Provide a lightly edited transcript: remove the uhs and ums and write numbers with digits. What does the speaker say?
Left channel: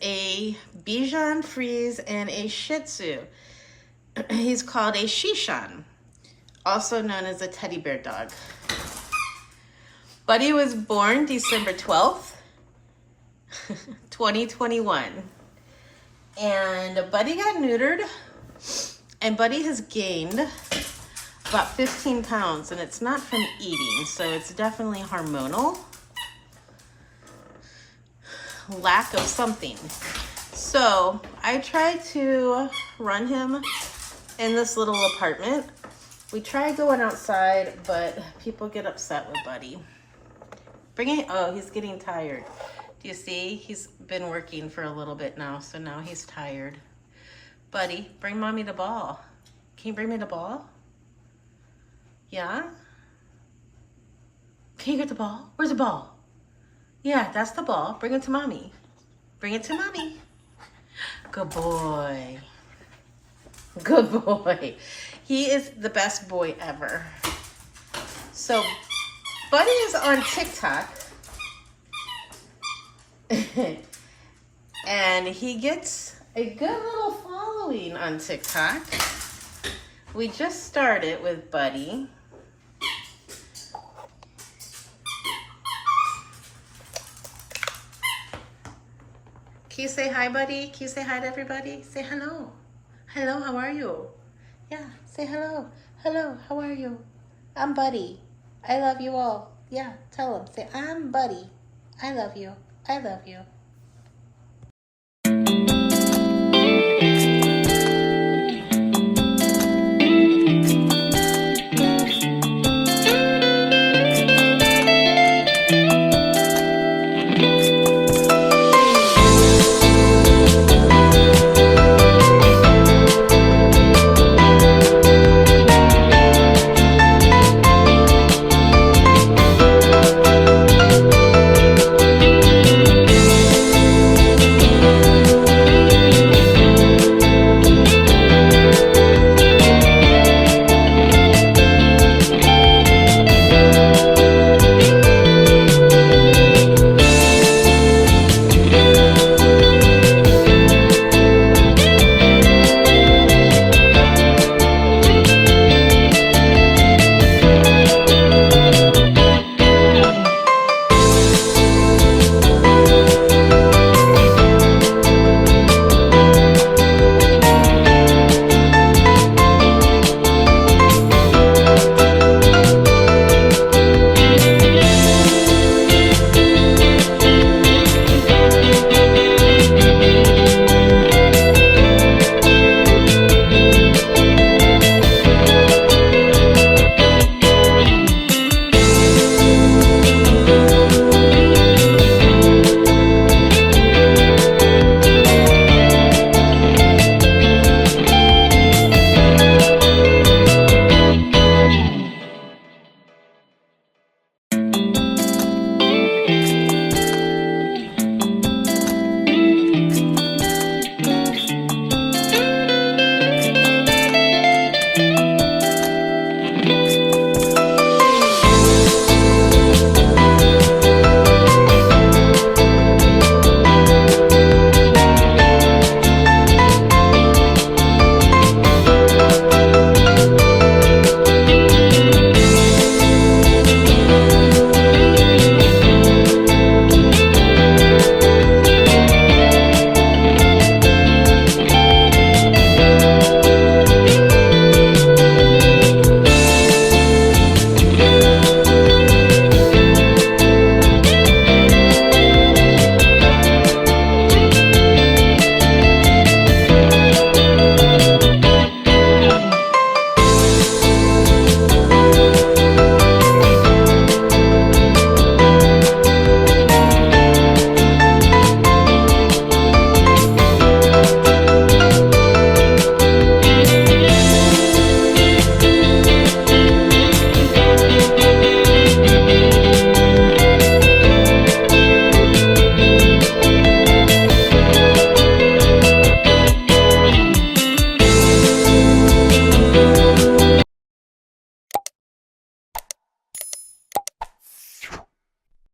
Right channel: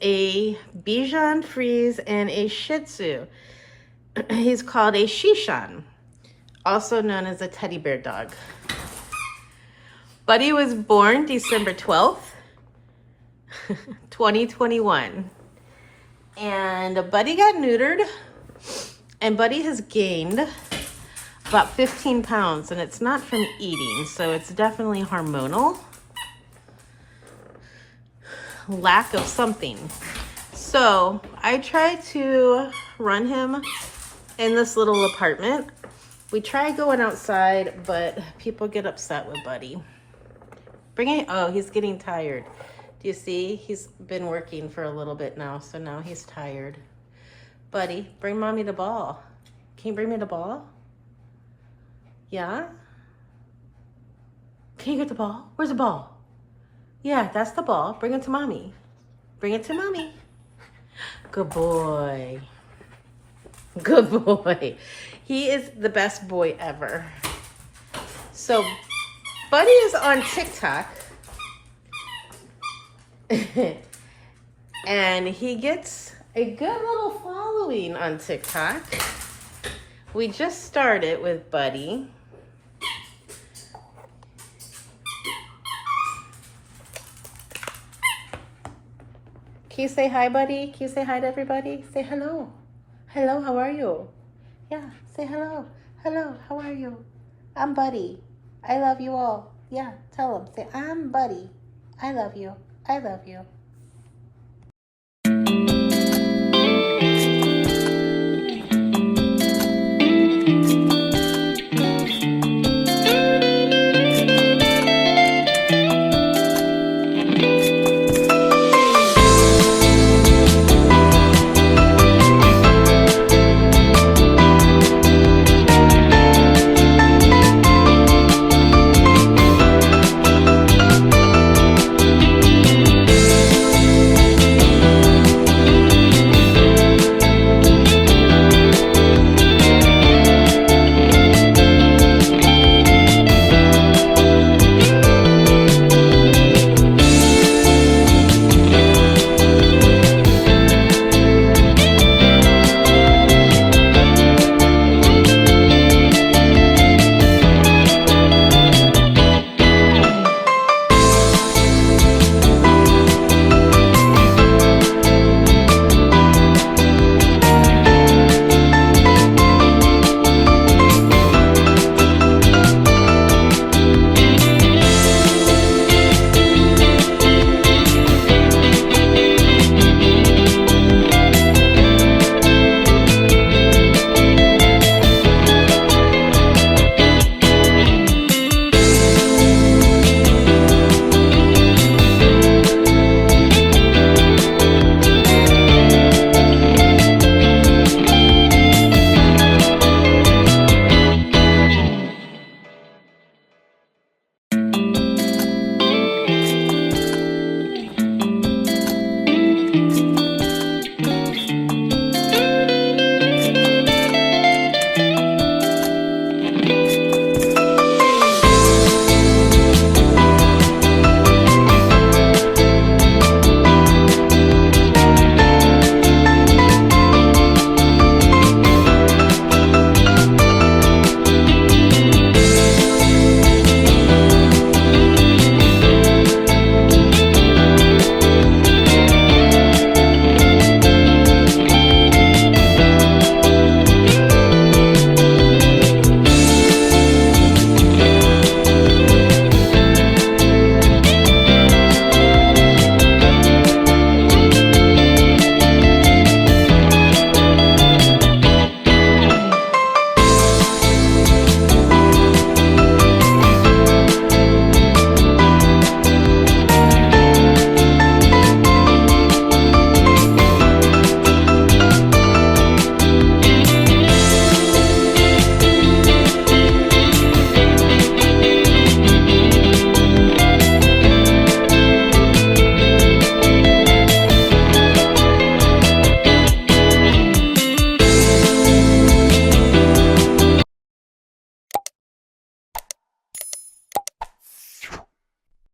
a Bichon Frise and a Shih Tzu. He's called a Shishan, also known as a teddy bear dog. Buddy was born December 12th, 2021. And Buddy got neutered, and Buddy has gained about 15 pounds, and it's not from eating, so it's definitely hormonal. Lack of something. So I try to run him in this little apartment. We try going outside, but people get upset with Buddy. Bring it. Oh, he's getting tired. Do you see? He's been working for a little bit now, so now he's tired. Buddy, bring mommy the ball. Can you bring me the ball? Yeah? Can you get the ball? Where's the ball? Yeah, that's the ball. Bring it to mommy. Bring it to mommy. Good boy. Good boy. He is the best boy ever. So, Buddy is on TikTok. And he gets a good little following on TikTok. We just started with Buddy. Can you say hi, Buddy? Can you say hi to everybody? Say hello. Hello, how are you? Yeah, say hello. Hello, how are you? I'm Buddy. I love you all. Yeah, tell them. Say, I'm Buddy. I love you. I love you.